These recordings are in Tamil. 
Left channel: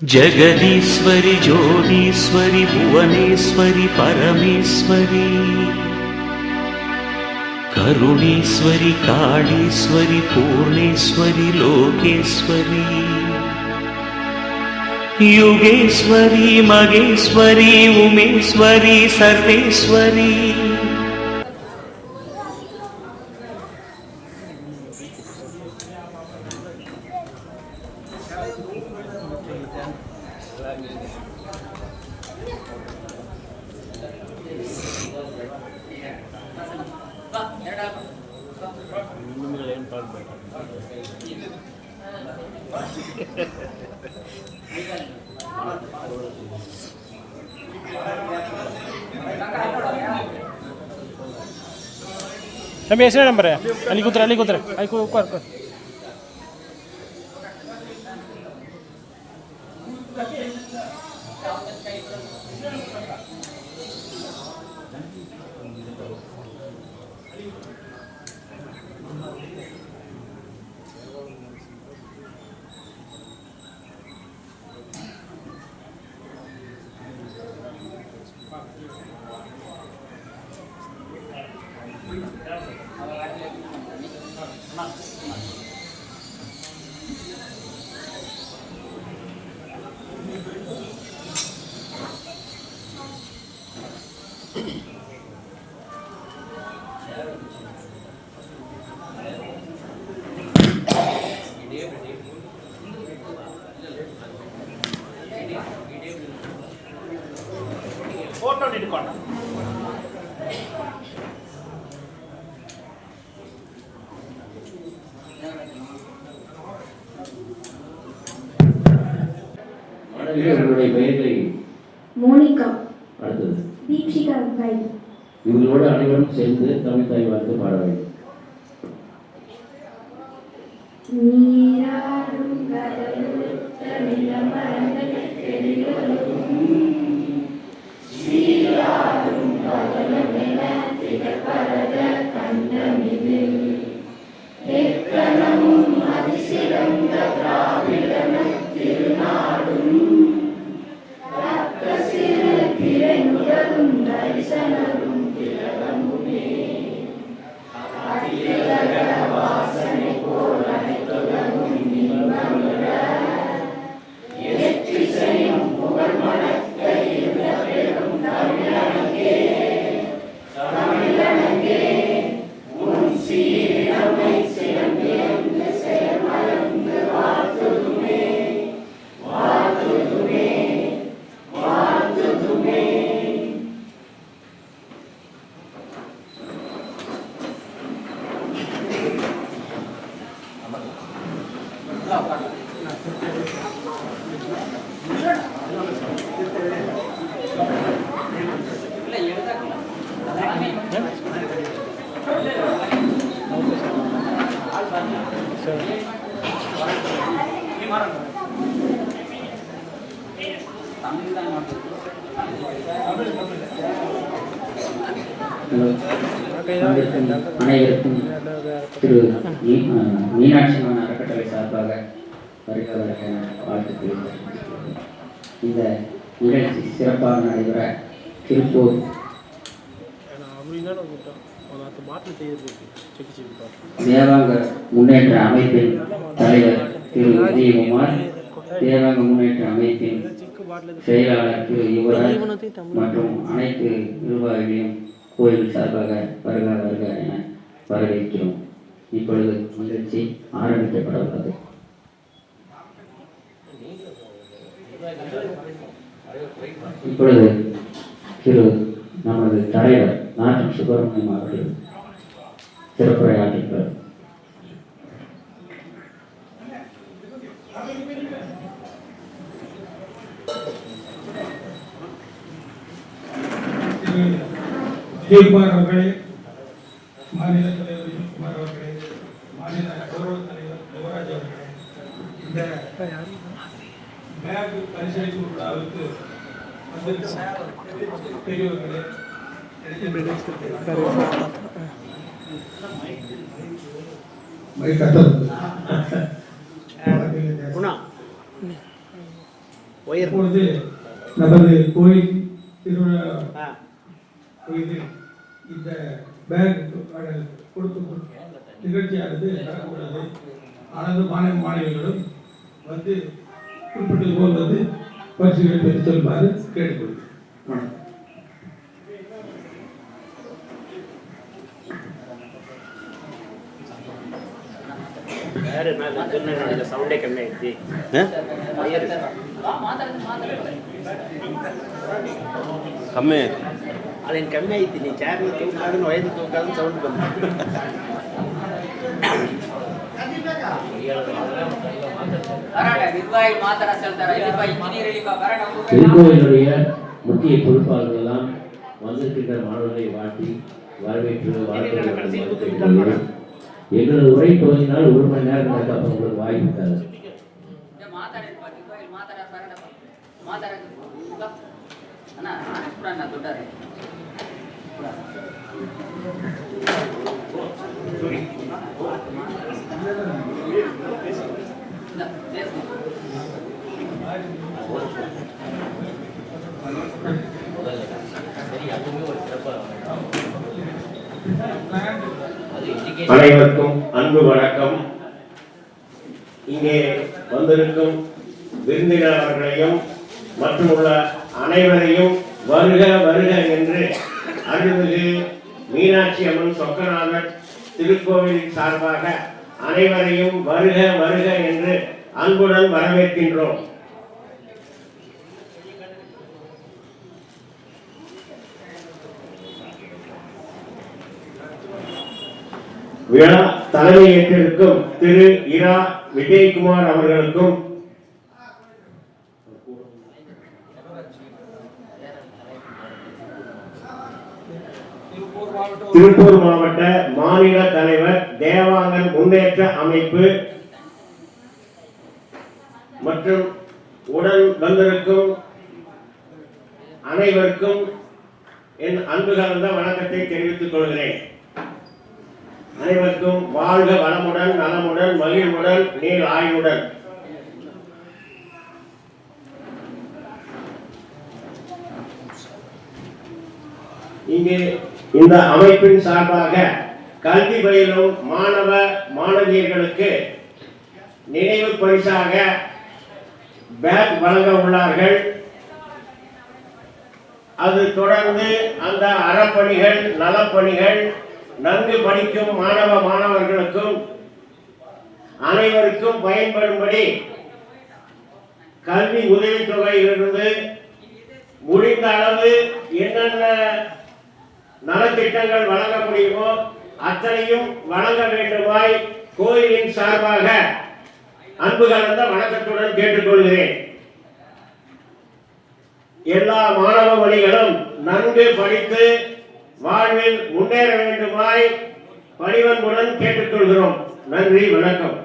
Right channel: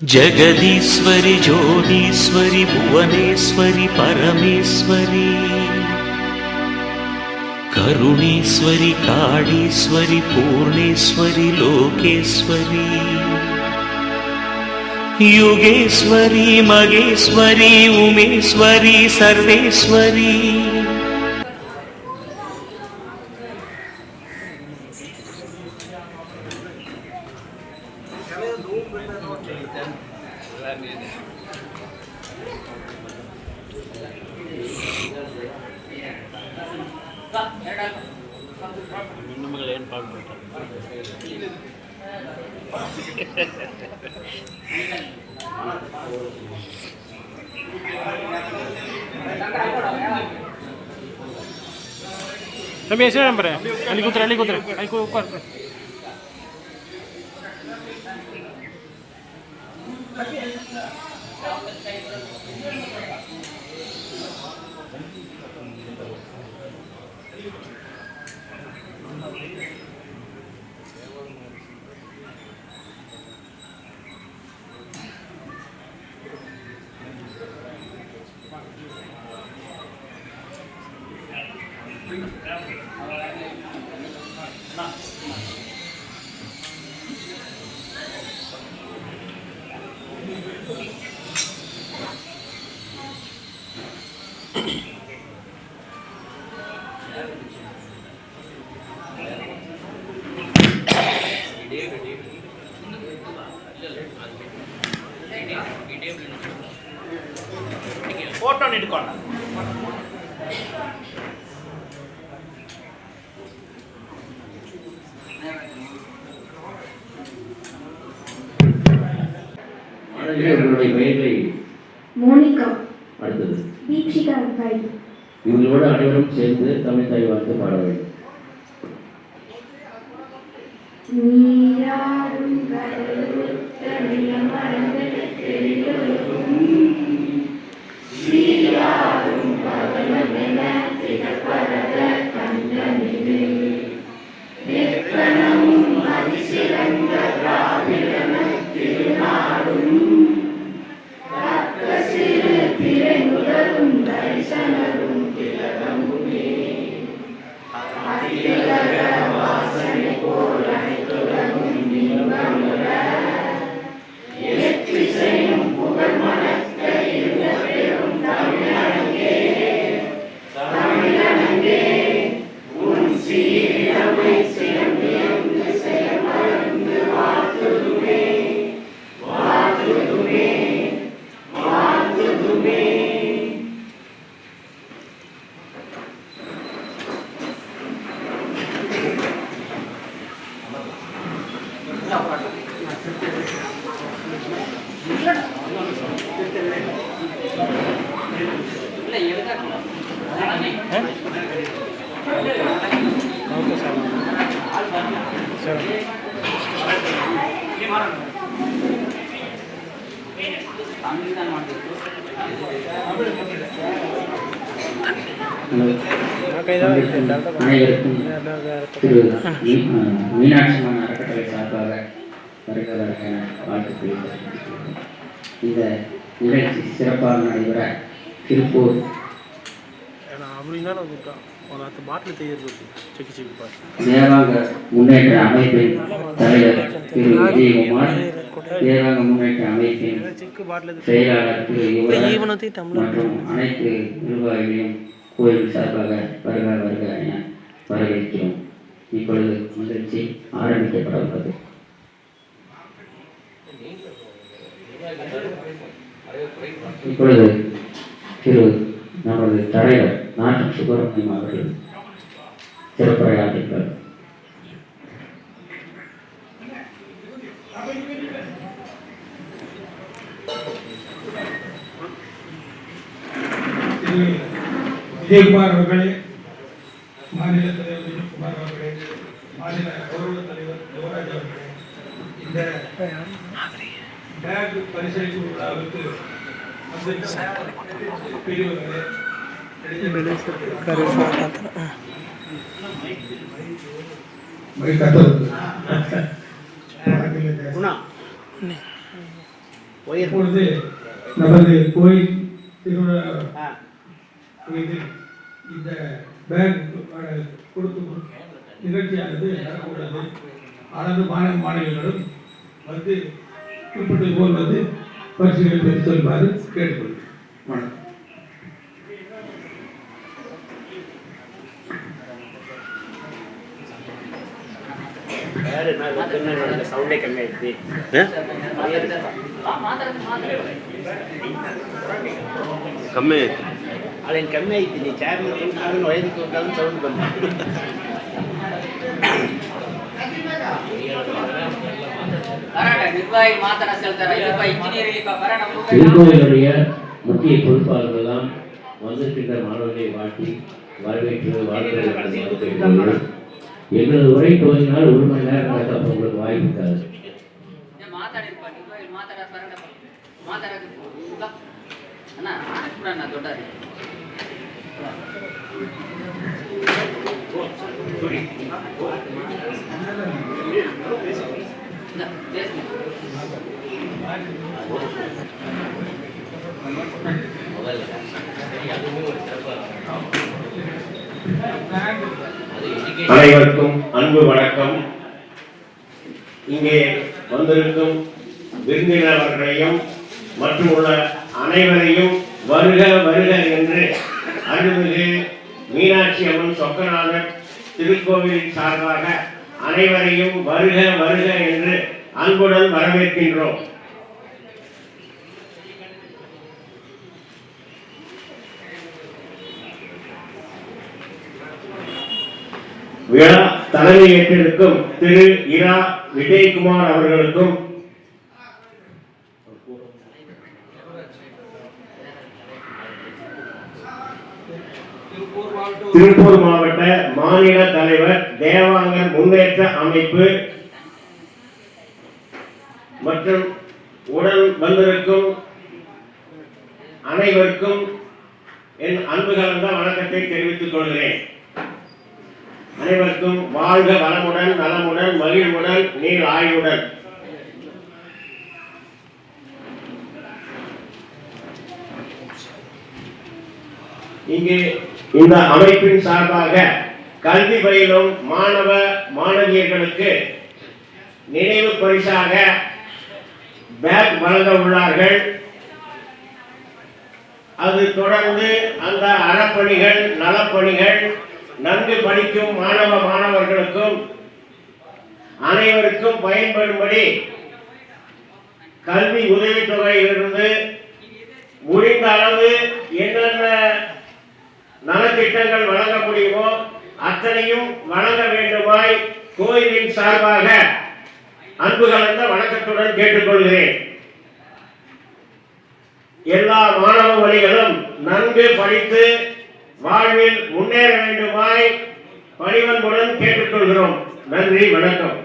जगदीश्वरि ज्योतीश्वरि भुवनेश्वरि परमेश्वरि करुणेश्वरि काळीश्वरि पूर्णेश्वरि लोकेश्वरि युगेश्वरि मगेश्वरि उमेश्वरि सर्वेश्वरि Tapi ऐसे नंबर है अली कुतर आई को ऊपर फोटो निडुकोंडा மோனிகா அடுத்தது தீப்ஷிகா காய் இவங்களோட அனைவரும் சேர்ந்து தமிழ் தாய் வாழ்த்து பாட வேண்டும். நீராடும் கடலுள்ள மரங்கள் தெரியும் சீராடும் பகலமென திகழ்பரத கண்டமிது வெட்கணமும் அதிசிறந்த திராவிடன திருநாடும் சிறு திரை முதலும் தரிசனரும் திலகமுமே அதிலக வாசனை போல் அனைத்துலகும் இன்பமுற எத்திசையும் புகழ் மணக்க இருந்த பெரும் தமிழனங்கே உன் சீரமை சிறந்தியங்கு செயல்மறந்து வாழ்த்துதுமே வாழ்த்துதுமே வாழ்த்துதுமே. அனைவருக்கும் திரு மீனாட்சி அம்மன் அறக்கட்டளை சார்பாக வருக வருக என வாழ்த்து. இந்த நிகழ்ச்சி சிறப்பாக நடைபெற திருப்பூர் தேவாங்க முன்னேற்ற அமைப்பின் தலைவர் திரு விஜயகுமார், தேவாங்க முன்னேற்ற அமைப்பின் செயலாளர் திரு யுவராஜ் மற்றும் அனைத்து நிர்வாகிகளையும் கோயில் சார்பாக வருக வருக என வரவேற்கிறோம். இப்பொழுது நிகழ்ச்சி ஆரம்பிக்கப்பட உள்ளது. இப்பொழுது திரு நமது தலைவர் நாட்டம் சுப்பிரமணியம் அவர்கள் சிறப்புரையாற்றுகிறார். விஜயகுமார் அவர்களே, மாநில தலைவர் விஜயகுமார் அவர்களே, மாநில கௌரவ தலைவர் யுவராஜ் அவர்களே, இந்த பேக் பரிசளிப்பு விழாவுக்கு பெரியவர்களே, இப்பொழுது நமது கோயில் திருவிழா கோயில் இந்த பேக் கொடுக்கும் நிகழ்ச்சியானது நடக்கக்கூடாது. அனைத்து மாணவ மாணவிகளும் வந்து குறிப்பிட்டது போல் வந்து பரிசுகளை பெற்று செல்வாறு கேட்டுக்கொள்கிறேன். வணக்கம். ಕಮ್ಮಿ ಅದೇನು ಕಮ್ಮಿ ಐತಿ ನೀ ಚಾರ್ ವಯಸ್ಸು ಸೌಂಡ್ ಕಮ್ಮಿ திருக்கோயிலுடைய முக்கிய பொறுப்பாளர்கள் எல்லாம் வந்திருக்கின்ற மாணவர்களை வாழ்த்தி வரவேற்று வாழ்த்து. எங்களது உரை துவங்கினால் 1 மணி நேரம் நடக்க அப்போ உங்களுக்கு வாய்ப்பு இருக்காது. அனைவருக்கும் அன்பு வணக்கம். இங்கே வந்திருக்கும் விருந்தினர்களையும் மற்றும் உள்ள அனைவரையும் வருக வருக என்று அருள்மிகு மீனாட்சி அம்மன் சொக்கநாதர் திருக்கோவிலின் சார்பாக அனைவரையும் வருக வருக என்று அன்புடன் வரவேற்கின்றோம். விழா தலைமையேற்றிருக்கும் திரு இரா விஜயகுமார் அவர்களுக்கும் திருப்பூர் மாவட்ட மாநில தலைவர் தேவாங்கன் முன்னேற்ற அமைப்பு மற்றும் உடன் வந்திருக்கும் அனைவருக்கும் என் அன்பு கலந்த வணக்கத்தை தெரிவித்துக் கொள்கிறேன். அனைவருக்கும் வாழ்க வளமுடன் நலமுடன் மகிழ்வுடன் நீர் ஆயுடன். இங்கே இந்த அமைப்பின் சார்பாக கல்வி பயிலும் மாணவ மாணவியர்களுக்கு நினைவு பரிசாக பேக் வழங்க உள்ளார்கள். அது தொடர்ந்து அந்த அறப்பணிகள் நலப்பணிகள் நன்கு படிக்கும் மாணவ மாணவர்களுக்கும் அனைவருக்கும் பயன்படும்படி கல்வி உதவித்தொகையிலிருந்து முடிந்த அளவு என்னென்ன நலத்திட்டங்கள் வழங்க முடியுமோ அத்தனையும் வழங்க வேண்டுமாய் கோயிலின் சார்பாக அன்பு கலந்த வணக்கத்துடன் கேட்டுக்கொள்கிறேன். எல்லா மாணவ மணிகளும் நன்கு படித்து வாழ்வில் முன்னேற வேண்டுமாய் பணிவன்புடன் கேட்டுக்கொள்கிறோம். நன்றி, வணக்கம்.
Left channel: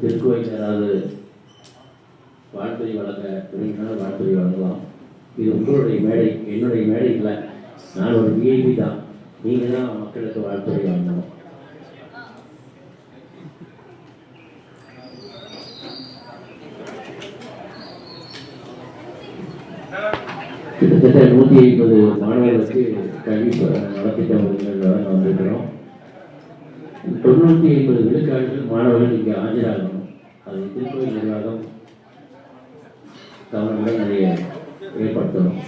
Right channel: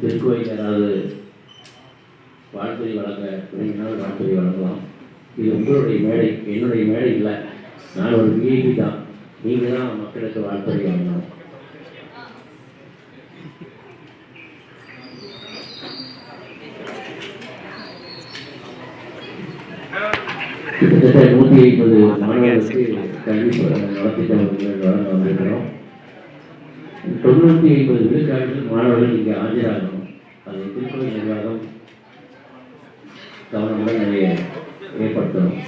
திருக்கோயில் யாராவது வாழ்த்துறை வழங்க விரும்பினால் வாழ்த்துறை வழங்கலாம். இது உங்களுடைய மேடை, என்னுடைய மேடை இல்லை. நான் ஒரு விஐபி தான். நீங்கள் தான் மக்களுக்கு வாழ்த்துறை வழங்கணும். கிட்டத்தட்ட 150 மாணவர்களுக்கு கல்வி நலத்திட்டங்கள் வழங்க வந்திருக்கிறோம். 950 விழுக்காடுகள் மாணவர்கள் இங்கே ஆஜராகணும். அதை திருக்கோயில் நிர்வாகம் கவனமுடன் நிறைய ஏற்படுத்தணும்.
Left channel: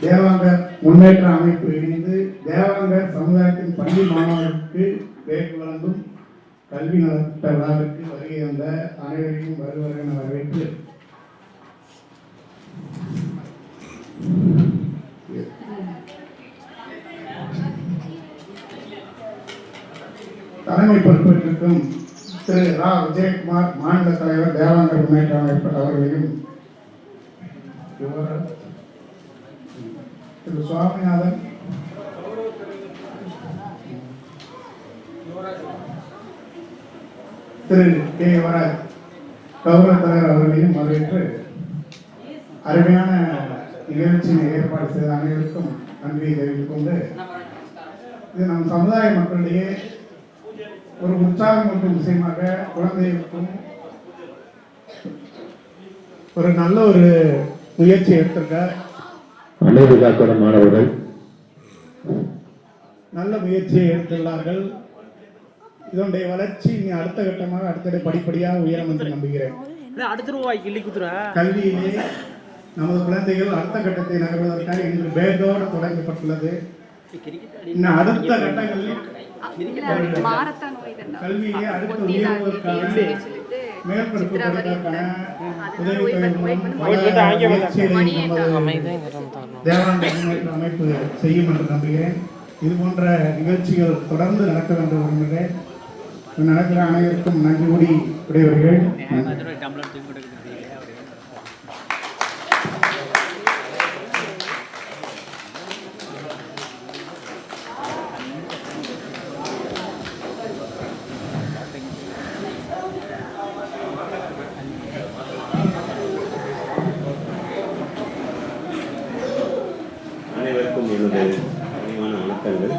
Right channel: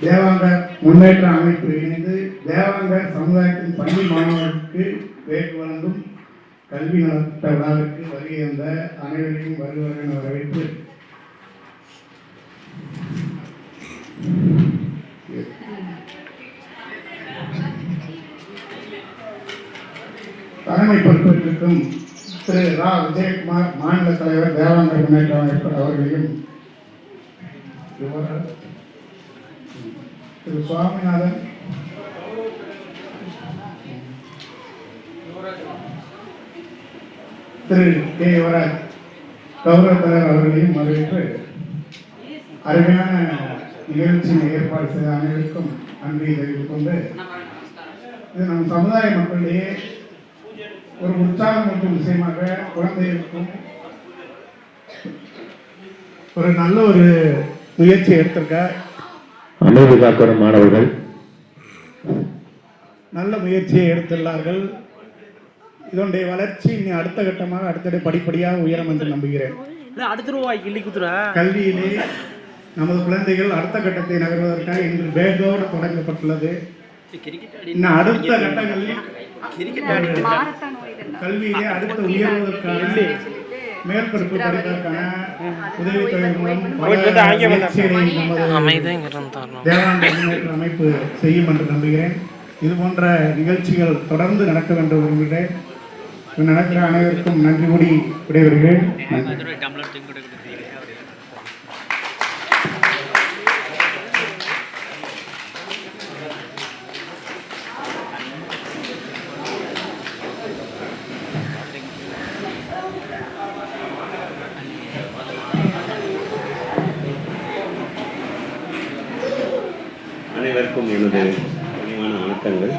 தேவாங்கர் முன்னேற்ற அமைப்பு இணைந்து தேவாங்கர் சமுதாயத்தின் பள்ளி மாணவர்களுக்கு பேக் வழங்கும் கல்வி நலத்திட்ட விழாவிற்கு வருகை வந்த அனைவரையும் வருவர் என வரவேற்று தலைமை பொறுப்பேற்றிருக்கும் திரு ரா விஜயகுமார் மாநில தலைவர் தேவாங்கர் முன்னேற்ற அமைப்பு அவர்களையும் திரு சுவாமிநாதன் திரு கே யுவராஜ் கௌரவ தலைவர் அவர்களையும் வரவேற்று அருமையான நிகழ்ச்சியை ஏற்பாடு செய்த அனைவருக்கும் நன்றியை தெரிவித்துக் கொண்டு இது நம் சமுதாய மக்களிடையே ஒரு உற்சாகம் மற்றும் விஷயமாக குழந்தைகளுக்கும் ஒரு நல்ல ஒரு முயற்சி எடுத்திருக்க அமைதி காக்கிற மாணவர்கள் நல்ல முயற்சியை எடுத்துள்ளார்கள். இதனுடைய வளர்ச்சி இனி அடுத்த கட்டமாக அடுத்த படிப்படியாக உயரும் என்று நம்புகிறேன். கல்வியிலே நமது குழந்தைகள் அடுத்த கட்டத்தை நகர்வதற்காக இன்று பேதோடு தொடங்கப்பட்டுள்ளது. இன்னும் அடுத்த கட்டங்களில் கல்வியிலே அடுத்த உயர்வதற்கான மேற்படிப்பு படிப்பதற்கான உதவித்தொகை மூலம் தேவானந்த முன்னேற்ற அமைப்பு செய்யும் என்று நம்புகிறேன். இது போன்ற நிகழ்ச்சிகள் தொடர்ந்து நடக்க வேண்டும் விரும்புகிறேன். நடக்கிற அனைவருக்கும் நன்றி கூடி விடைபெறுகிறேன். அனைவருக்கும் எனது பணிவான வணக்கங்கள்.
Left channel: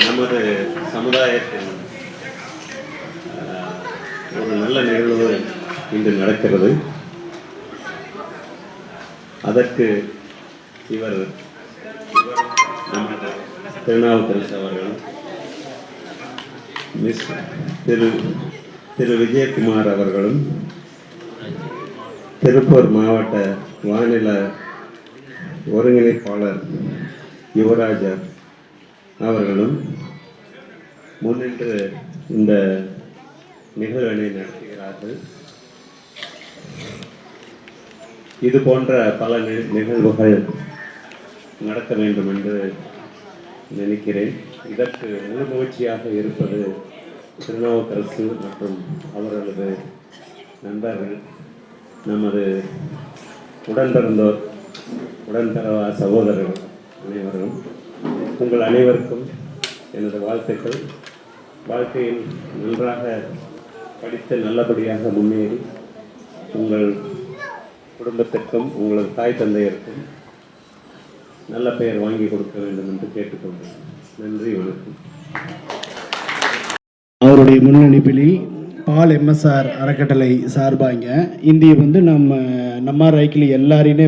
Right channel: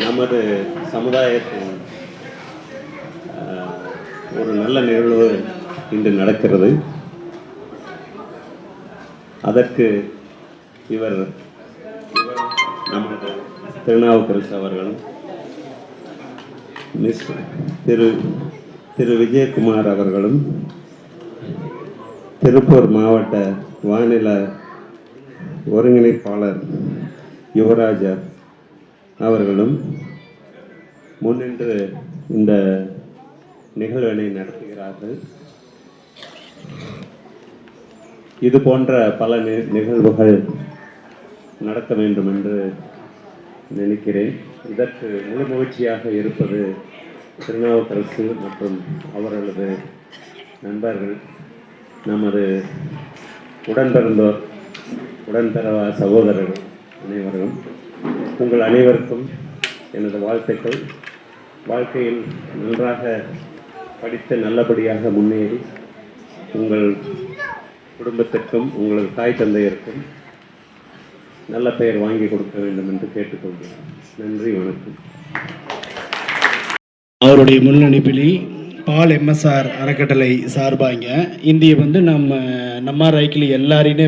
நமது சமுதாயத்தின் ஒரு நல்ல நிகழ்வு இன்று நடக்கிறது. அதற்கு இவர் நமது திருநாவுக்கரசு அவர்களும் மிஸ் திரு விஜயகுமார் அவர்களும் திருப்பூர் மாவட்ட வானில ஒருங்கிணைப்பாளர் யுவராஜா அவர்களும் முன்னின்று இந்த நிகழ்வினை நடத்துகிறார்கள். இது போன்ற பல நிகழ்வுகள் நடக்க வேண்டும் என்று நினைக்கிறேன். இதற்கு முழு முயற்சியாக இருப்பது திருநாவுக்கரசு மற்றும் அவர்களது நண்பர்கள், நமது உடன்பிறந்தோர், உடன்பிறவா சகோதரர்கள் அனைவரும். உங்கள் அனைவருக்கும் எனது வாழ்த்துக்கள். வாழ்க்கையில் நன்றாக படித்து நல்லபடியாக முன்னேறி உங்கள் குடும்பத்திற்கும் உங்களது தாய் தந்தையருக்கும் நல்ல பெயர் வாங்கி கொடுக்க வேண்டும் என்று கேட்டுக்கொள்கிறேன். நன்றி, வணக்கம். அவருடைய முன்னணிப்பில் பால் எம்எஸ்ஆர் அறக்கட்டளை சார்பாங்க இந்திய நம்ம ரைக்கில் எல்லாரையுமே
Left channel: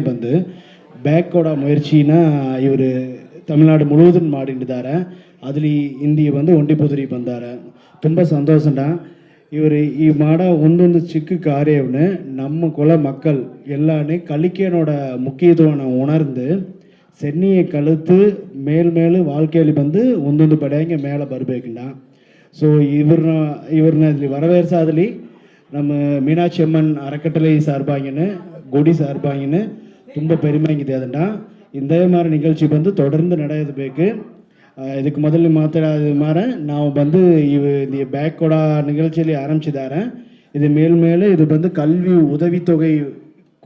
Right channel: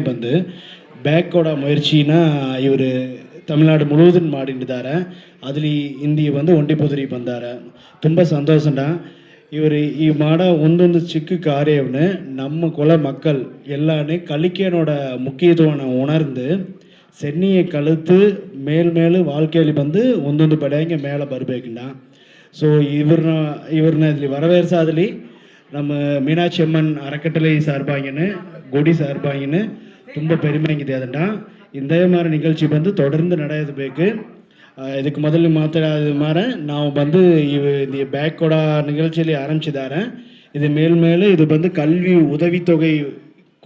பேக்கோட முயற்சினா ಇವರು ತಮಿಳುನಾಡು ಮುಳುವುದನ್ನು ಮಾಡಿದ್ದಾರೆ. ಅದರಲ್ಲಿ ಇಂದಿ ಒಂಟಿ ಪೊದರಿ ಬಂದಾರೆ. ತುಂಬ ಸಂತೋಷನ ಇವರು ಈ ಮಾಡೋ ಒಂದೊಂದು ಚಿಕ್ಕ ಕಾರ್ಯವನ್ನು ನಮ್ಮ ಕುಲ ಮಕ್ಕಳು ಎಲ್ಲಾನೇ ಕಲಿಕೆಯೋட ಮುಖ್ಯತ್ವವನ್ನು ಉಣರ್ந்து சென்னியை கழுத்து மேல் வாழ்க்கையில் ಒಂದೊಂದು ಪಡೆಯಂಗೆ மேலே ಬರಬೇಕಣ್ಣ. ಸೊ ಇವ್ರನ್ನ ಇಲ್ಲಿ வரவேற்சாதலி நம்ம மீனாட்சி அம்மன் அறக்கட்டளை சார்பாங்கன்னு கொடி சார்பாங்கன்னு ತುಂಬ பெருமைಗಿದೆ ಅದನ್ನು. ಇಂದೇ ಮಾರ ನಿಗழ்ச்சி தொடர்ந்து ನಡೆಯಬೇಕು. ಇದಕ್ಕೆ ಮೊದಲು ಮಾತಾಡೋದು ಮಾರ ನಾವು இந்த பேக்கோட நிகழ்ச்சிಯಲ್ಲಿ ஆரம்பிச்சிದ್ದಾರೆ. இது மேல் இது கல்வி உதவித்தொகை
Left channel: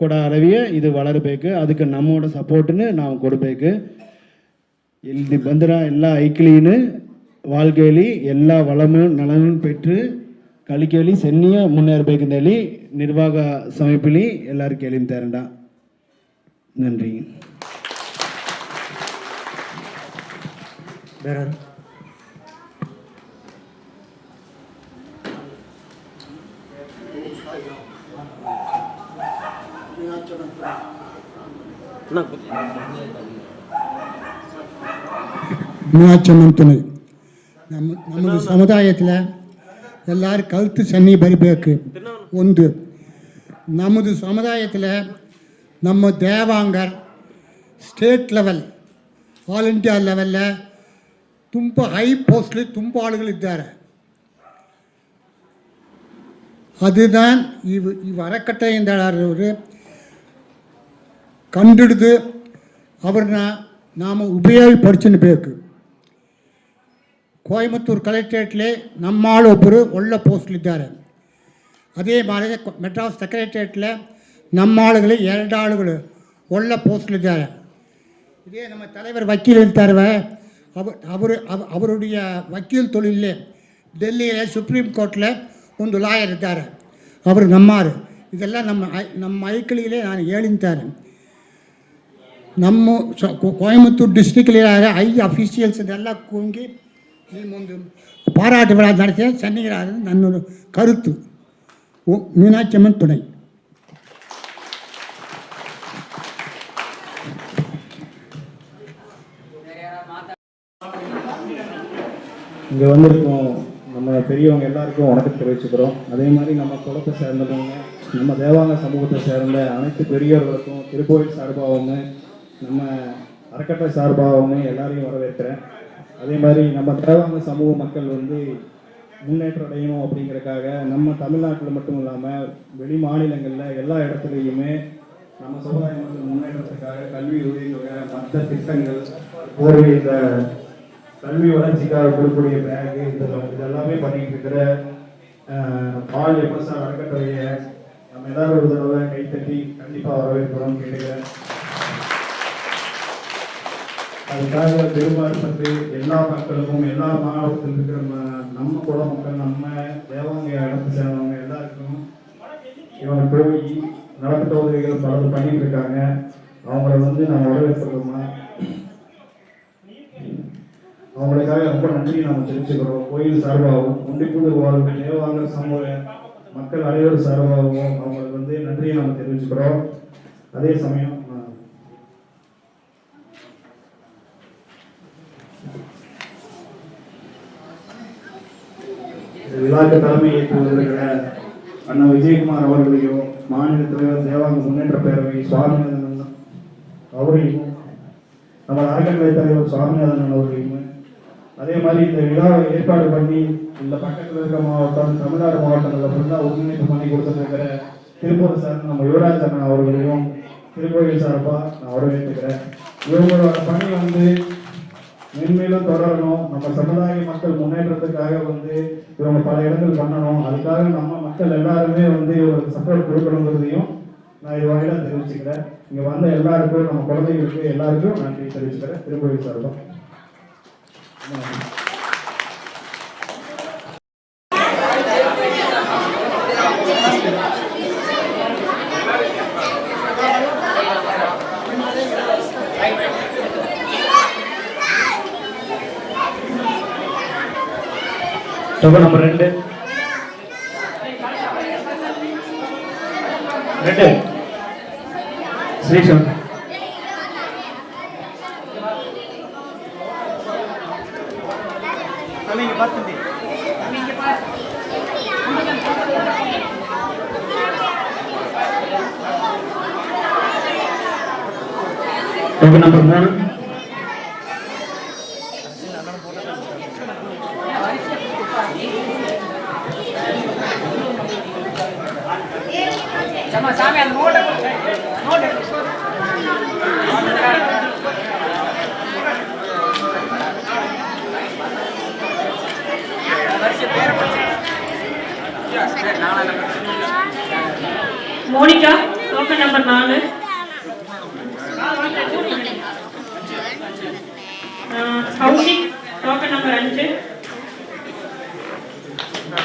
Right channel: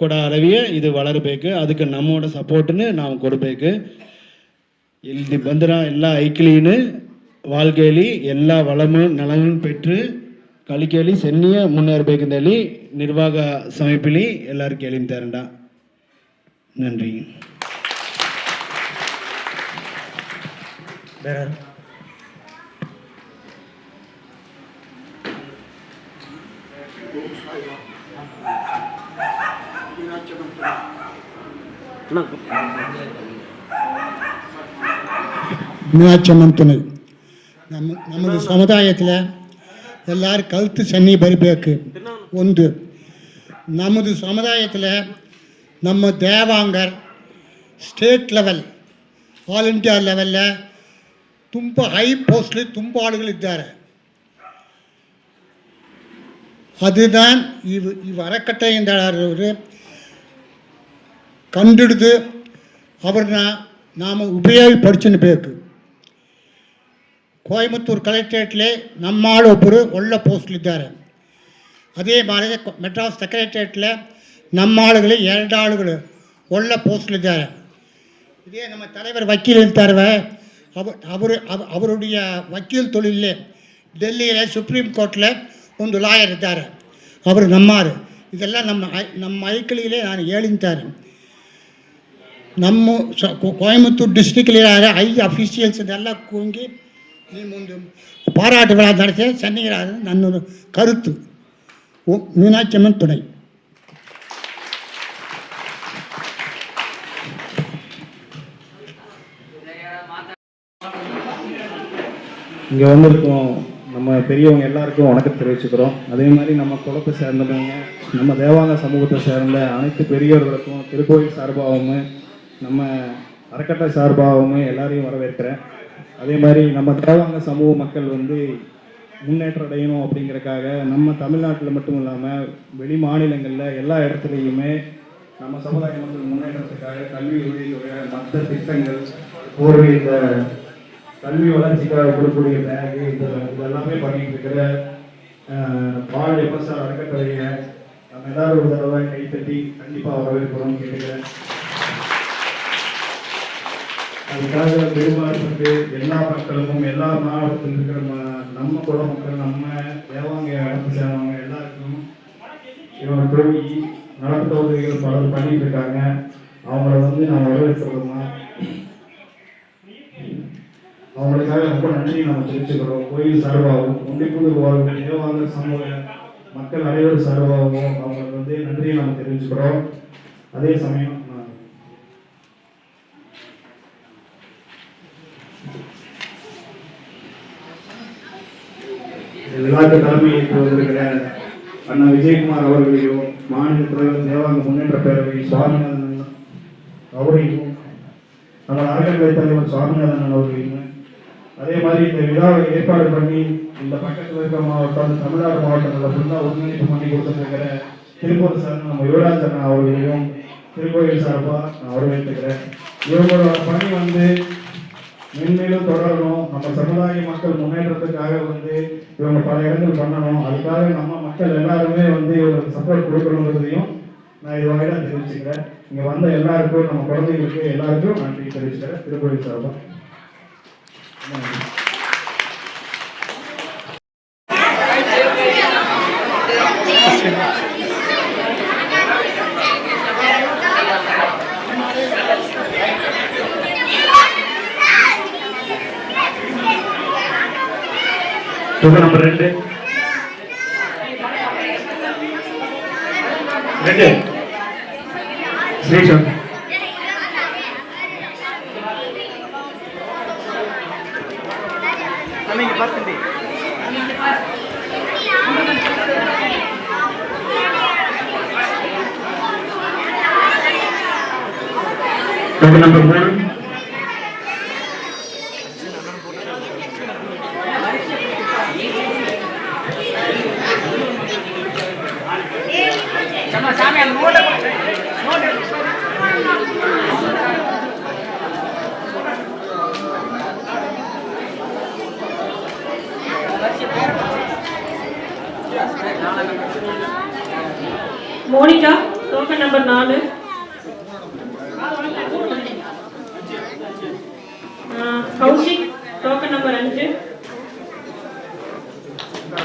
ಕೊಡ அளவிய இது வளரಬೇಕು. அதுக்கு நம்மோட சப்போர்ட்டுன்னு ನಾವು ಕೊಡಬೇಕು. ಇಲ್ಲಿ ಬಂದಿರ ಎಲ್ಲ ಐಕ್ಲೀನು வாழ்க்கைಯಲ್ಲಿ ಎಲ್ಲ வளமும் நலமும் பெற்று ಕಲಿಕೆಯಲ್ಲಿ ಸೆನ್ನಿಯ ಮುನ್ನೇರಬೇಕೆಂದು ಹೇಳಿ ನಿರ್ವಾಹ ಸಮಿತಿಲಿ ಎಲ್ಲರೂ ಕೇಳಿದ್ದಾರಂಡ. நன்றி. மீனாட்சியம்மன் துணை நமது சமுதாயத்தில் எல்லாரும் கழுத்து சன்னி ಬರಬೇಕು. ಒಂದು ನಮ್ಮದು ಸಮುದಾಯத்தில் ನಮ್ಮ ದೇವಾಂಗರ್ ಸ್ಟೇಟ್ ಲೆವೆಲ್ ಆಲ್ ಇಂಡಿಯಾ ಲೆವೆಲ್ಲ ತುಂಬ ಹೈ ಪೋಸ್ಟ್ಲಿ ತುಂಬ ಆಳುಗಳಿದ್ದಾರೆ. அதுதான் அறக்கட்டைಯಿಂದ ಕಂಡಿಡಿದು ಅವ್ರನ್ನ ನಾವು ಉಪಯೋಗಪಡಿಸಬೇಕು. ಕೊಯಮತ್ತೂರು ಕಲೆಕ್ಟ್ರೇಟ್ಲೆ ನಮ್ಮಾಳು ಒಬ್ಬರು ಒಳ್ಳೆ ಪೋಸ್ಟ್ಲಿದ್ದಾರೆ. ಅದೇ ಮಾರಿ ಮೆಡ್ರಾಸ್ ಸೆಕ್ರೆಟ್ರೇಟ್ಲೆ நம்மாளுಗಳು 2 ஆளுಗಳು ಒಳ್ಳೆ ಪೋಸ್ಟ್ಲಿದ್ದಾರೆ. இதே நம்ம தலைவர் வக்கீல் இருக்காருவே அவருடைய வக்கீல் தொழிலே டெல்லியில் சுப்ரீம் கோர்ட்டில் ಒಂದು ಲಾಯರ್ ಇದ್ದಾರೆ, ಅವರು ನಮ್ಮಾರು. ಇದೆಲ್ಲ ನಮ್ಮ ಐಕಳಿಗೆ ನಾನು ಹೇಳಿದ್ದಾರೆ. ನಮ್ಮ ಕೊಯಮತ್ತೂರು ಡಿಸ್ಟ್ರಿಕ್ಟಿಲಿರೋ ಐ ಅಫಿಷಿಯಲ್ಸ್ ಇದೆಲ್ಲ ಕೂಗಿ ಮುಂದೆ பாராட்டு விழா நடத்தி சென்னைகிறாரு நன்னொரு கருத்து. மீனாட்சி அம்மன் துணை. இங்கே வந்திருக்கோம் நம்ம பெரியவங்க எல்லாருக்கும் வணக்கம் தெரிவிச்சுக்கிறோம். அதே மாதிரி நம்ம குளத்தை சேர்ந்தவங்க, நம்ம தேவாங்க சமூகத்தை சேர்ந்த அனைத்து பெரியவர்களுக்கும் திருக்கோயில் சார்பாகவும் நம்ம அறக்கட்டளை சார்பாகவும் எல்லாரையும் வரவேற்கிறேன். அதே மாதிரி நம்ம தேவாங்க சமூக மக்கள் முன்னேற்றம் அடையணும் அப்படிங்கிறதுக்காக நம்ம தமிழ்நாட்டில் மட்டும் இல்லாமல் வெளி மாநிலங்களில் எல்லா இடத்துலையுமே நம்ம சமுதாய மக்கள் முன்னேற்றத்துக்காக கல்வி உதவித்தொகை, மற்ற திட்டங்கள், போர்வை, இந்த கல்வி வளர்ச்சிக்காக கொடுக்கக்கூடிய பேகு, இதெல்லாமே பண்ணிட்டு இருக்கிற பால் எம்எஸ்ஆர் அறக்கட்டளையை நம்ம எல்லாரும் ஒரு தடவை கைத்தட்டி கண்டிப்பாக வரவேற்கிறோம் கேட்கிறேன். அதுக்காக பெரும்பான்மை எல்லா மக்களுக்கும், எல்லா மாவட்டத்தில் இருக்கிற நம்ம குல மக்கள், நம்ம தேவாங்க இடத்தை சேர்ந்தவங்க எல்லாருக்கும் இவங்க போய் நடப்பு தொகுதிகள் பலர் பண்ணிட்டு இருக்காங்க. அவங்கள நம்ம வரவேற்கிறோமா, அவங்களுக்காக ரொம்ப நன்றி நம்ம தெரிவிச்சுக்கிறோம். கோயில் சார்பாகவும் ஒண்டிப்புதூர் வாழ்க்கை தேவாங்க சமூக மக்கள் அனைவரும் சார்பாகவும் அவங்களுக்கு நன்றியை நம்ம தெரிவிச்சுக்கிறோம். அதே சமயம் விழாக்கு தலைமை ஏற்று வந்திருக்கிற அண்ணா விஜயகுமார் அவர்களையும், மாநில தலைவர் தேவாங்க முன்னேற்ற பேரவை சுவாமிநாதன் அவரையும், நம்ம அறக்கட்டளை தலைவர் சுவாமிநாதன் அவர்களையும், அதே மாதிரி இந்த விழாவை ஏற்பாடு பண்ணி இந்த பக்கத்தில் இருக்கிற மாவட்டம், தமிழ்நாடு மாவட்டங்களில் ஃபுல்லாக ஒருங்கிணைப்பு பண்ணி கொடுத்துருக்கிற திருப்பூர் சார் நம்ம யுவராஜ் அண்ணா அவர்களையும் திருக்கோயில் சார்பாக நான் வரவேற்றுக்கிறேன். இவங்களோட பணி மென்மேலும் தொடரணும். நம்ம சமுதாய மக்கள் முன்னேற்றத்துக்காக இவங்க பல இடங்கள் பண்ணணும். அதுக்காக நம்ம மக்கள் எல்லாருமே இவங்களுக்கு சப்போர்ட் கொடுக்கணுங்கிறதையும் நான் இது வாயிலாக தெரிவிச்சுக்கிறேன். இங்கே வந்த எல்லாருக்கும், நம்ம குழந்தைகளுக்கு எல்லாருக்கும் நன்றி தெரிவிச்சுக்கிறேன் திருக்கோயில் சார்பாக. நம்பர் 2 ஸ்ரீசங்கர். நம்பர் 3 சாமி அந்த note Monika token number 4. Kaushik token number 5.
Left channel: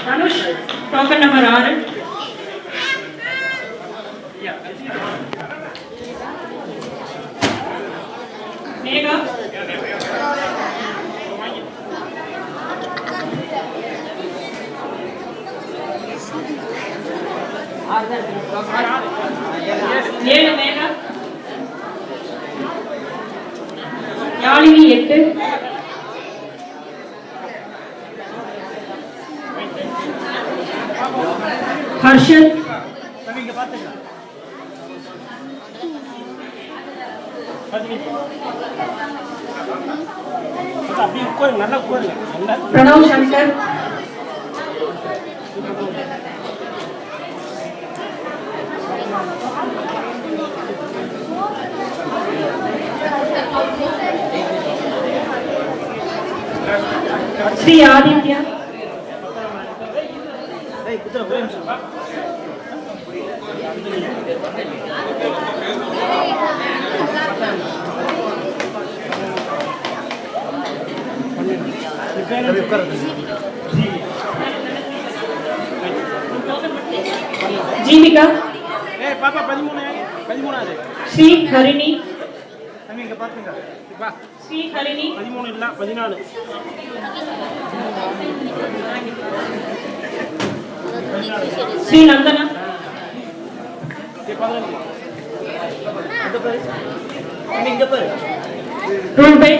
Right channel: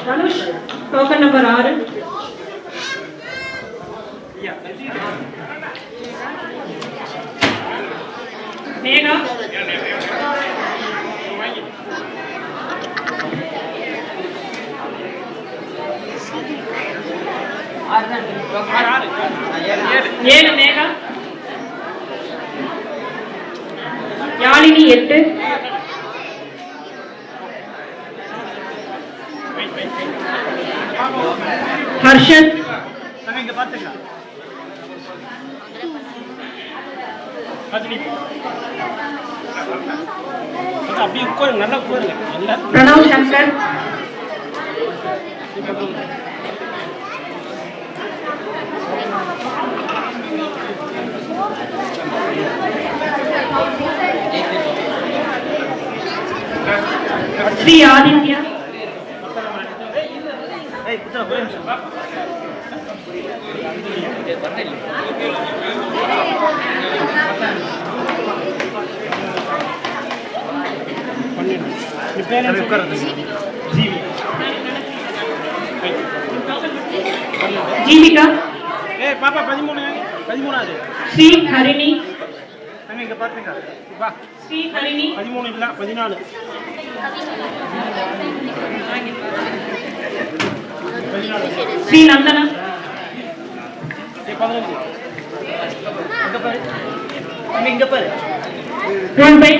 Dhanush token number 6. Megha ஏழு. மேகா யாழினி 8. ஹர்ஷத் பிரணவ் சங்கர் ஸ்ரீ ஆதித்யா, ஜீவிகா, பாப்பா 13 ஸ்ரீ ஹரிணி, இங்க பாத்துங்க ஸ்ரீ ஹரிணி, 13 இல்ல 14 ஸ்ரீ நந்தனா, இங்க பாரு ரூல்பை,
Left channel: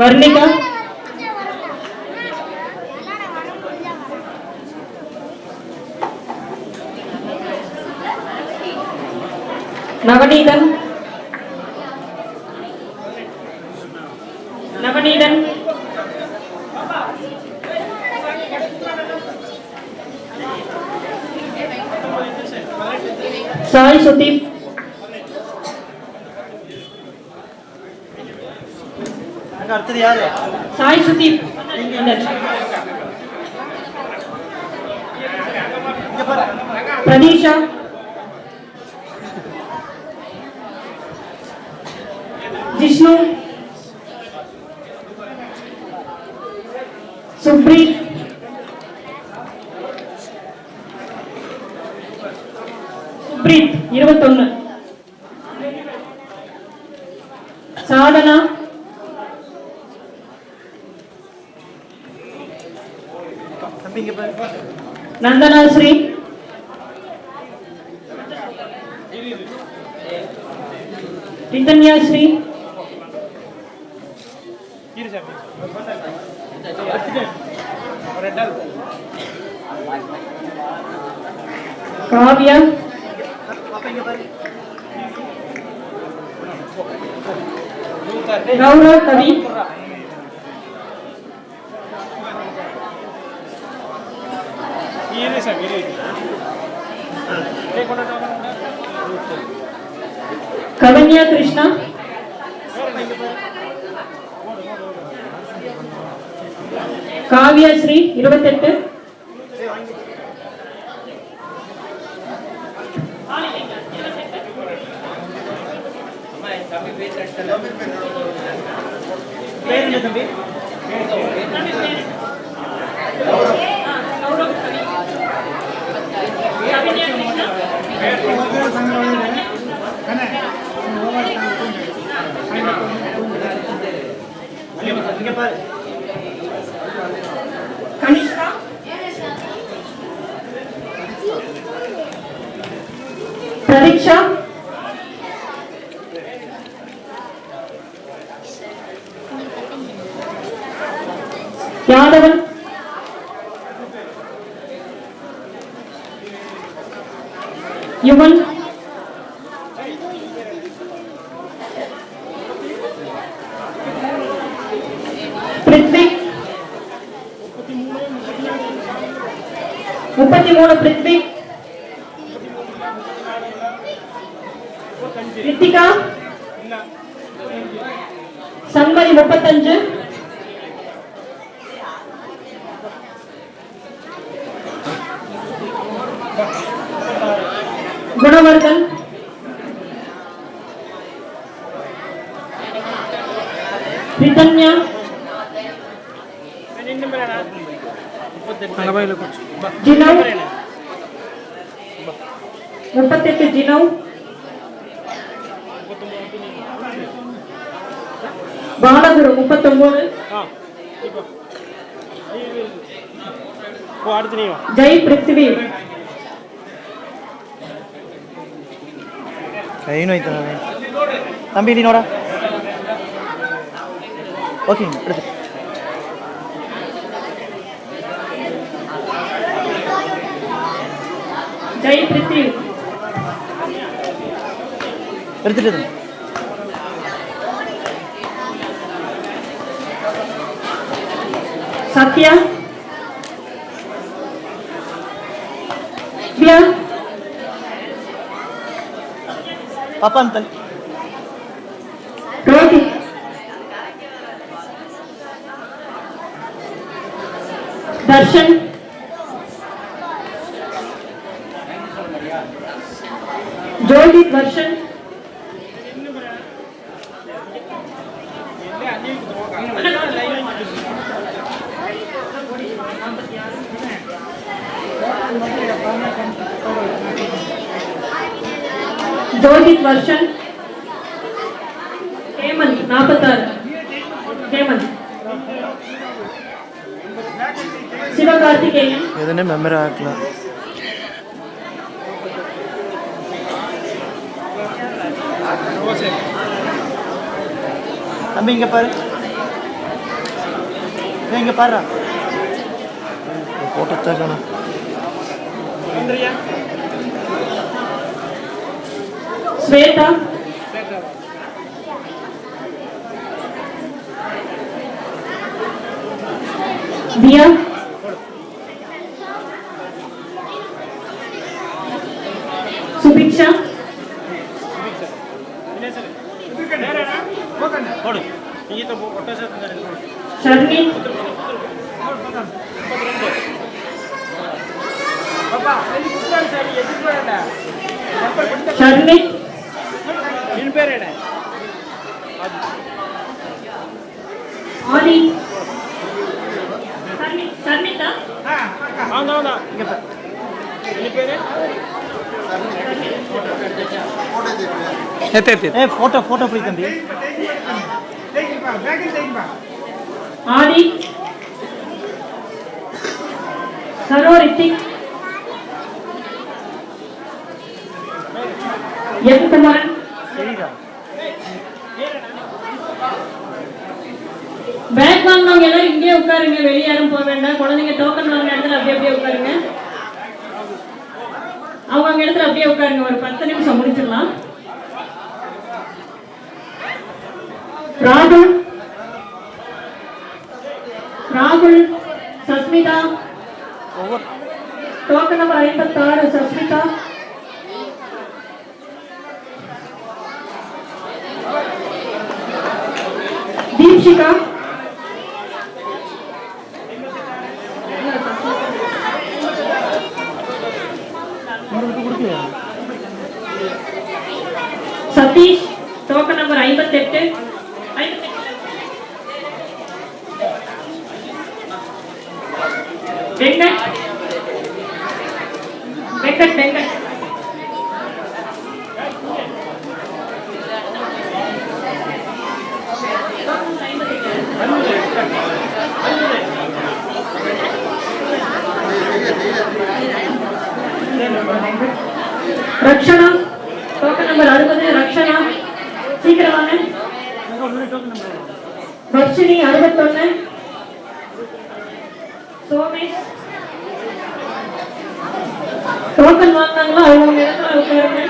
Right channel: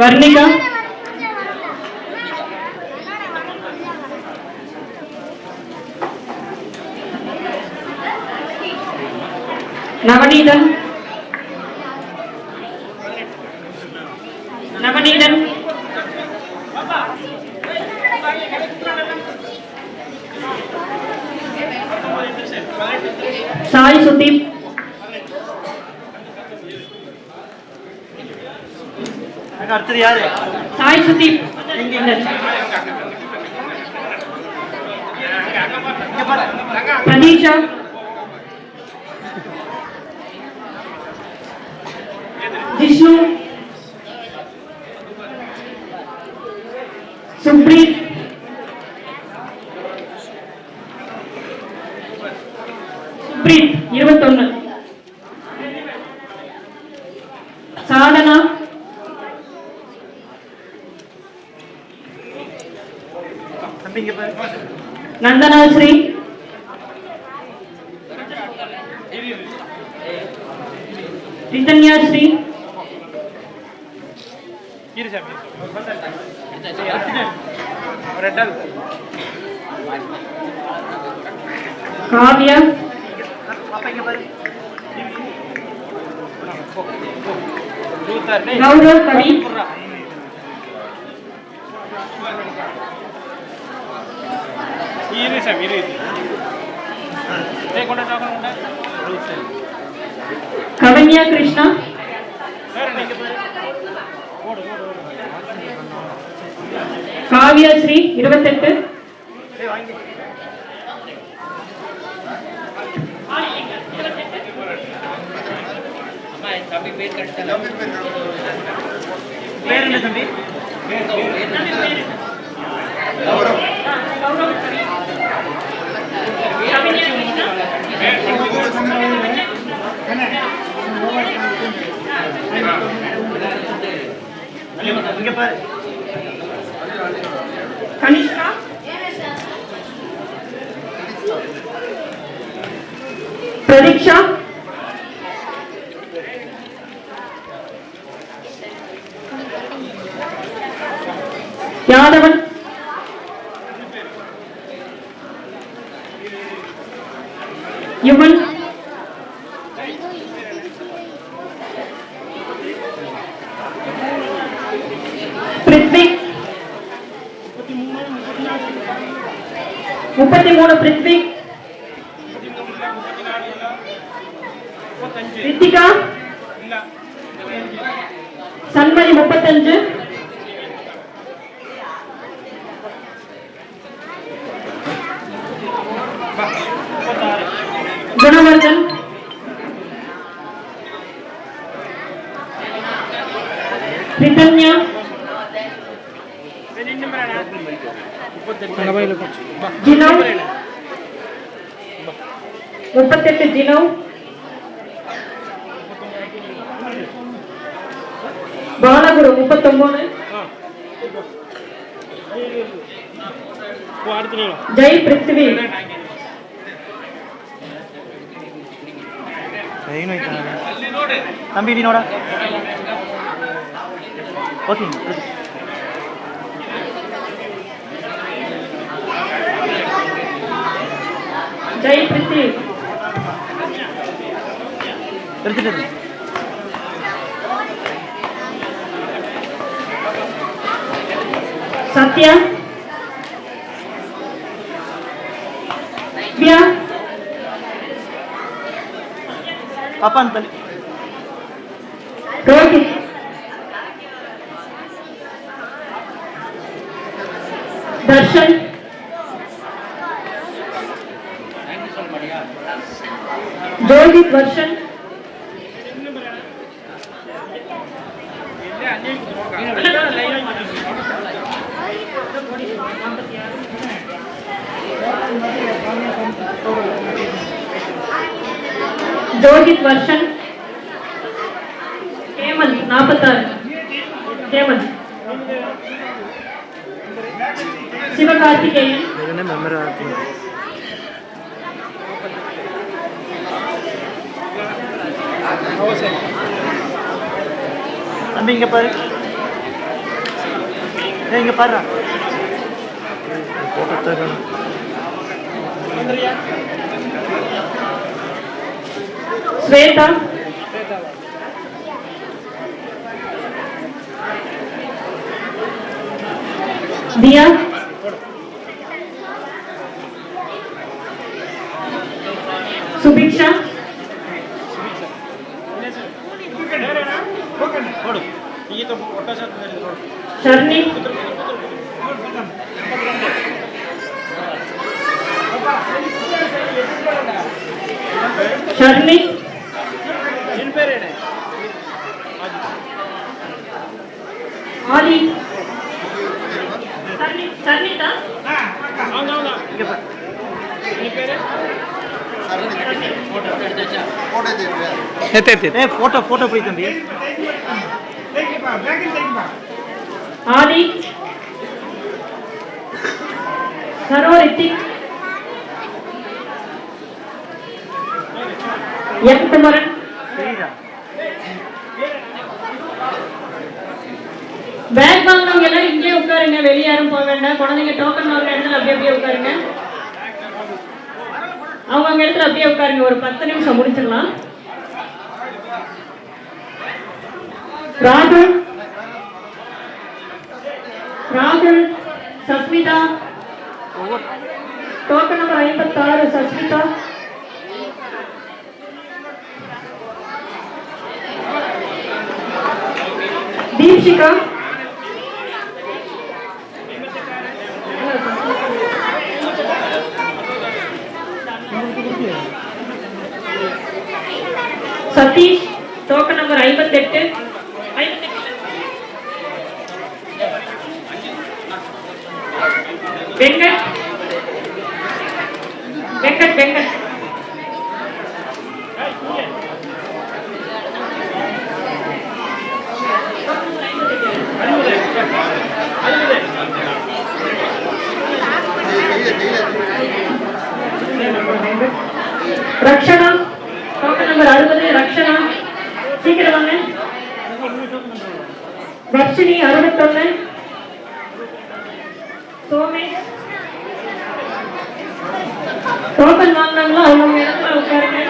வர்ணிகா, நவநீதன், நவநீதன், சாய் சுதீப், அடுத்தது யாரு சாய் சுதீப், பிரதீஷா, ஜிஷ்ணு, சுப்ரீத், சுப்ரீத் 21, சாதனா, நந்தனாஸ்ரீ, ரிதன்யாஸ்ரீ, காவ்யா, கௌரவ் கவி, கவன்யா கிருஷ்ணா, காவ்யா ஸ்ரீ 28, தம்பி பேர் கட்டல பேர் என்ன தம்பி இங்க பாரு கனிஷ்கா, பிரதீக்ஷா, யாதவன், யுவன், பிரித்விக் 33, பிரித்விக், ரித்திகா, சண்மதி 35, குணவர்தன், ரிதன்யா, ஜினவ் 38, ஜினவ், பாலகுரு 39, ஜெய் பிருத்திவி, தம்பி நீ நோட ஓகே ஜெய் பிருத்திவி, எடுத்துட்டு சத்யா, வித்யா, பாப்பா அந்த தள்ளி. ரோஹித் தர்ஷன் ஜோதித் வர்ஷன் ஜோதித் வர்ஷன் ஹேமந்த் 46 ஹேமந்த் சிவகார்த்திகேயன் எதுனே மெமரி ஆகல. தம்பி இங்க பாரு. இங்க பாரு. ஸ்வேதா தியா சுபிக்ஷா ஷர்னி ஷர்னி ஆதி சர்னிதா போட்டோ போட்டோ போய் தம்பி. ஆதி சரோ ரித்திக் என் குமரன் பேக் வாங்கவங்க எல்லாம் இங்கே உட்காருங்க, வெளியே யாரும் போக வேண்டாம். குழந்தைங்க டோக்கன் வாங்க இடத்துல அப்படியே உட்காருங்க. அவங்க இடத்துல அப்படியே உட்காருங்க. ஒரு 10 நிமிஷம் முடிச்சிடலாம். ராகுல் ராகுல் Sasmita token number 56 Sasmita Deepshikha Satish token number 58 Venkat Venkat Venkat Rakshana token number 60 Rakshana சீக்கிரம் வாங்க. வர்ஷினி 61 சோமேஷ் டோக்கன் வாங்கினாங்களோ அவங்க இடத்துல உட்காருங்க.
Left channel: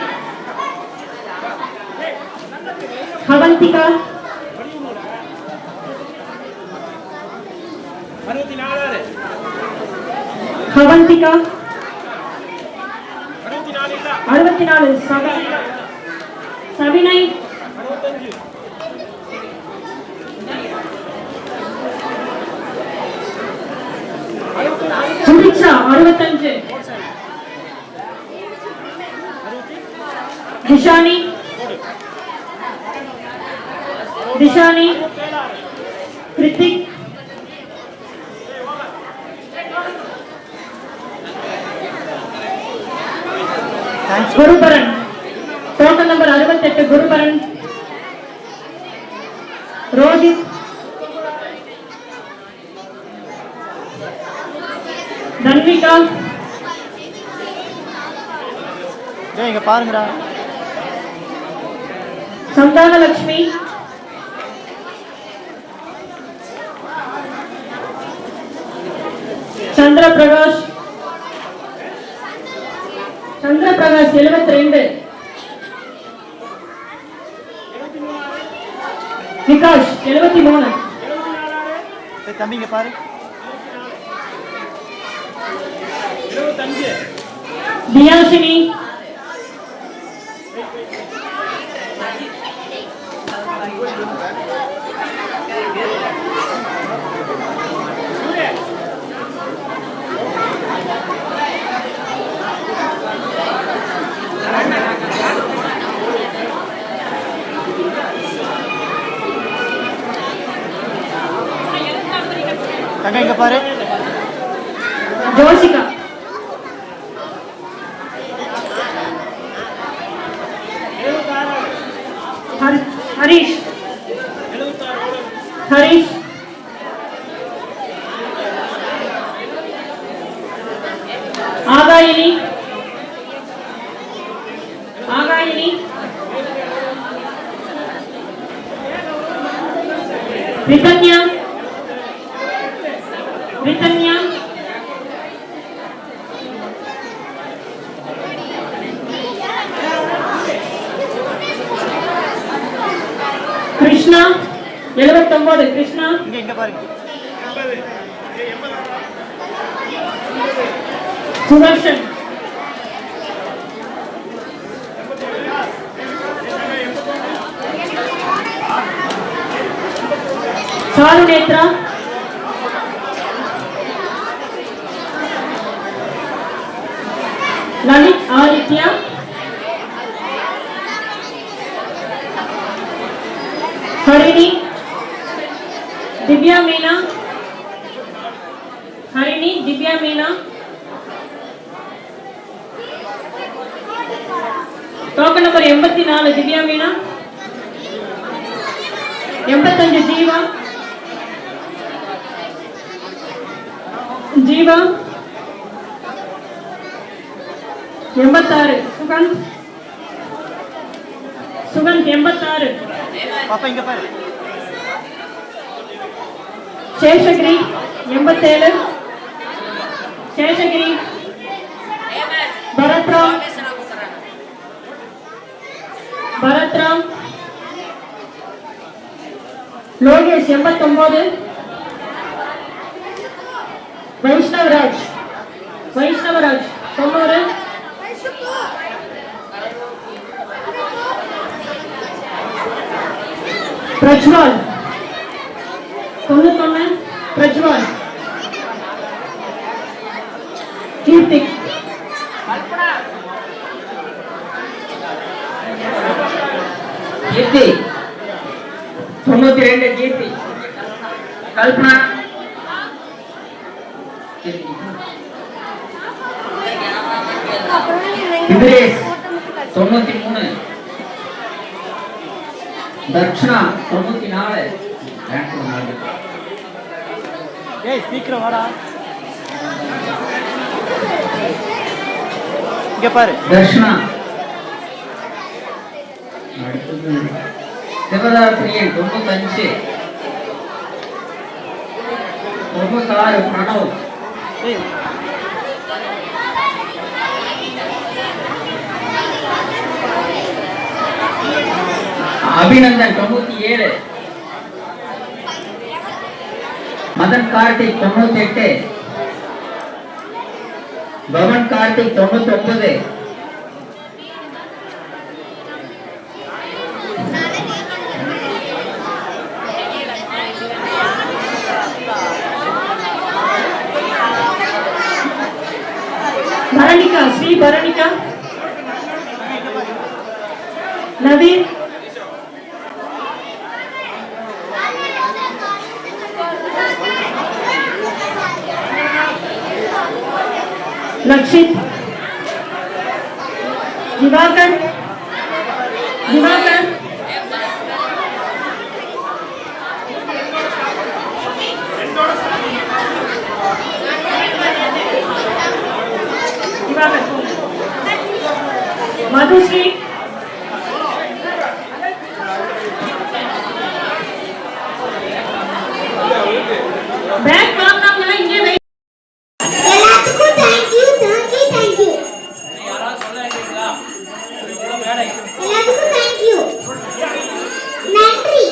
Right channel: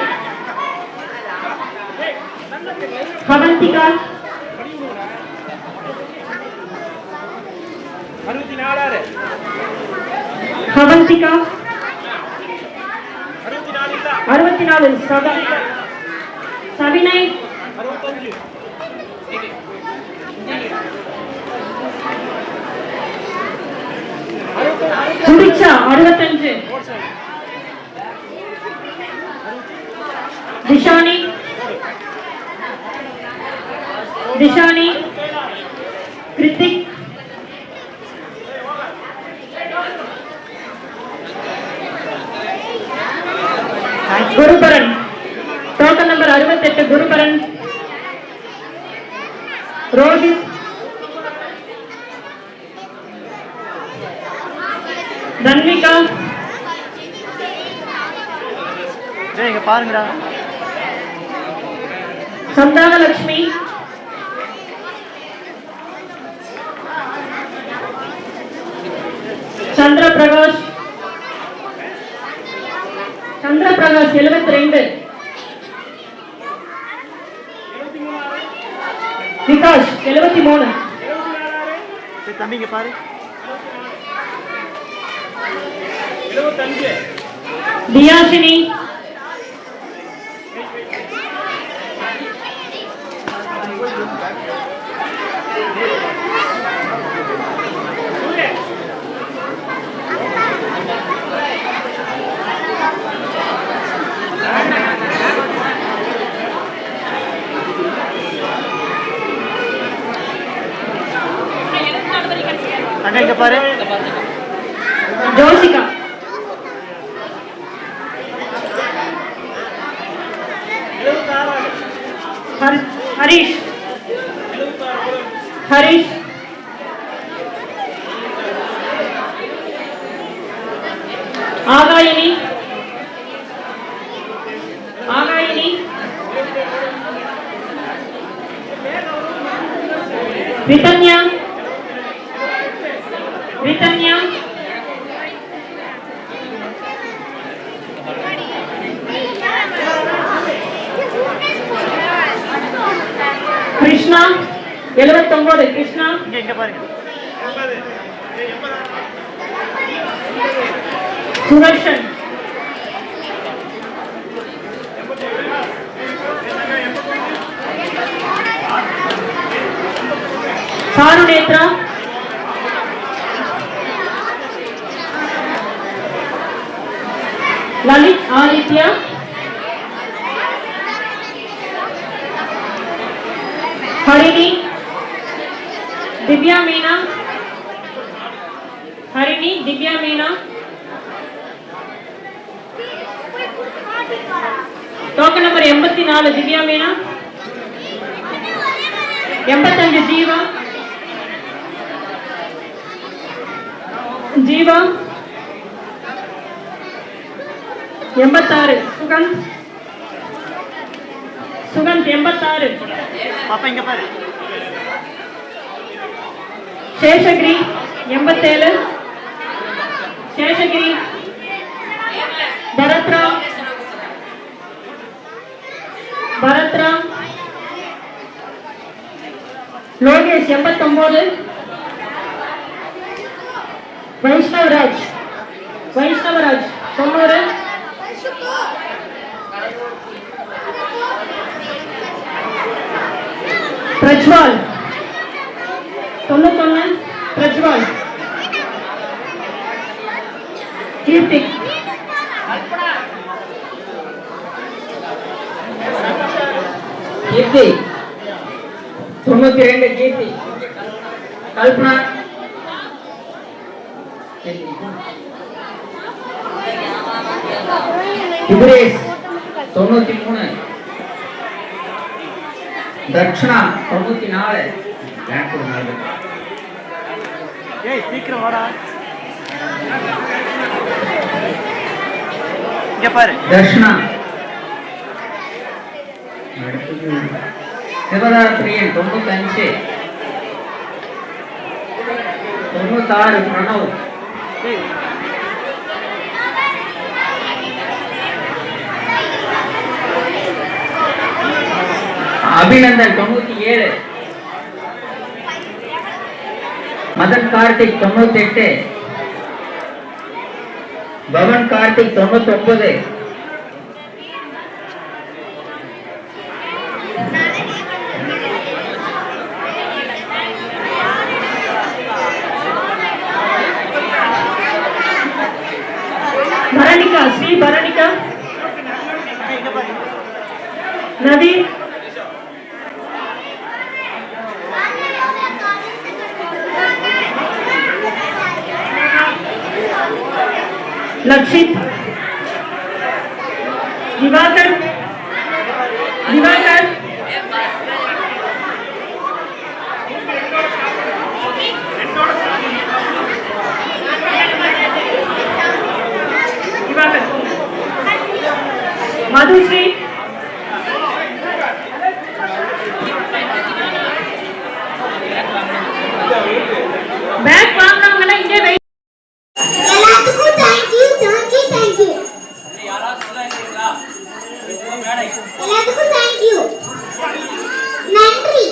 அவந்திகா அவந்திகா 64 சவினய் சுபிக்ஷா 65 திஷானி கிருத்திக் குருபரன் டோக்கன் நம்பர் 68 குருபரன் ரோஹித் தன்விகா இங்க பாருங்கடா. சந்தானலட்சுமி சந்திரபிரகாஷ் 72 விகாஷ் 73 தம்பி இங்க பாரு. 75 தியாஷினி தங்க இங்க பாரு. ஜோசிகா, ஹரிஷ், ஹரிஷ், ஆகாயினி, ஆகாயினி, ரிதன்யா, ரிதன்யா, கிருஷ்ணா 79, கிருஷ்ணா, இங்க பாருங்க. சுதர்ஷன், சாருநேத்ரா, லலித் ஆதித்யா, ஹரிணி, திவ்யா மீனா, ஹரிணி, திவ்யா மீனா, டோக்கன் நம்பர் 84 திவ்யா மீனா, 85 ஜீவா, ஜீவா, 86 சுகந்த், சுகந்த் 86, பாப்பா இங்க பாரு. சேஷகிரி 87, சேஷகிரி, பரத்ராம், பரத்ராம், லோகேஷ் 89, வைஷ்ணவராஜ், வைஷ்ணவராஜ் 90, பிரஜ்வால் 91, பிரஜ்வால், கீர்த்திக், கீர்த்தி 92, கீர்த்தி, கல்பனா, விக்ரேஷ் 93, தர்ஷனா 94, ஏய் சீக்கிரம் வாடா. இங்க பாரு. தர்ஷனா, சிவதாரப்பிரியன் 95, 96, பிரணவ், ஏய் அபிநந்தன் 97, மதன் கார்த்திக் 98, பவன் கார்த்திக் 99, பரணிகா, ஸ்ரீ பரணிகா, நவீன், லக்ஷித், திவாகர், திவாகர், திவாகர், மதுஸ்ரீ, பேக் வாங்கினவங்க இங்கே வை. எல்லாத்துக்கும் தேங்க்யூ தேங்க்யூ தேங்க்யூ. எல்லாத்துக்கும் தேங்க்யூ, நன்றி.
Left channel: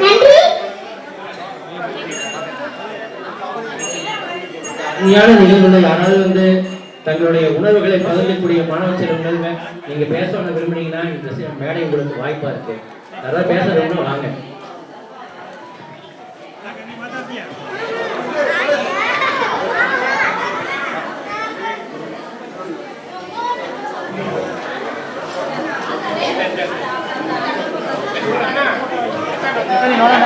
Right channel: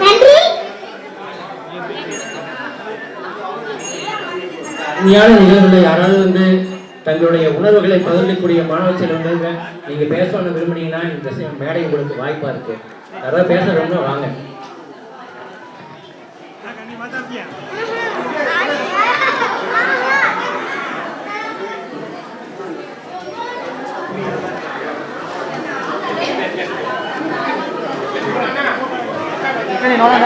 நன்றி. உண்மையான நிகழ்வுல யாராவது வந்து தங்களுடைய உணர்வுகளை பகிர்ந்தக்கூடிய மாணவ செல்வங்கள் நீங்க பேசணும்னு விரும்புனீங்கன்னா இந்த மேடை உங்களுக்கு வாய்ப்பா இருக்கு. யாராவது பேச விரும்பினா வாங்க. ನೋಡೋಣ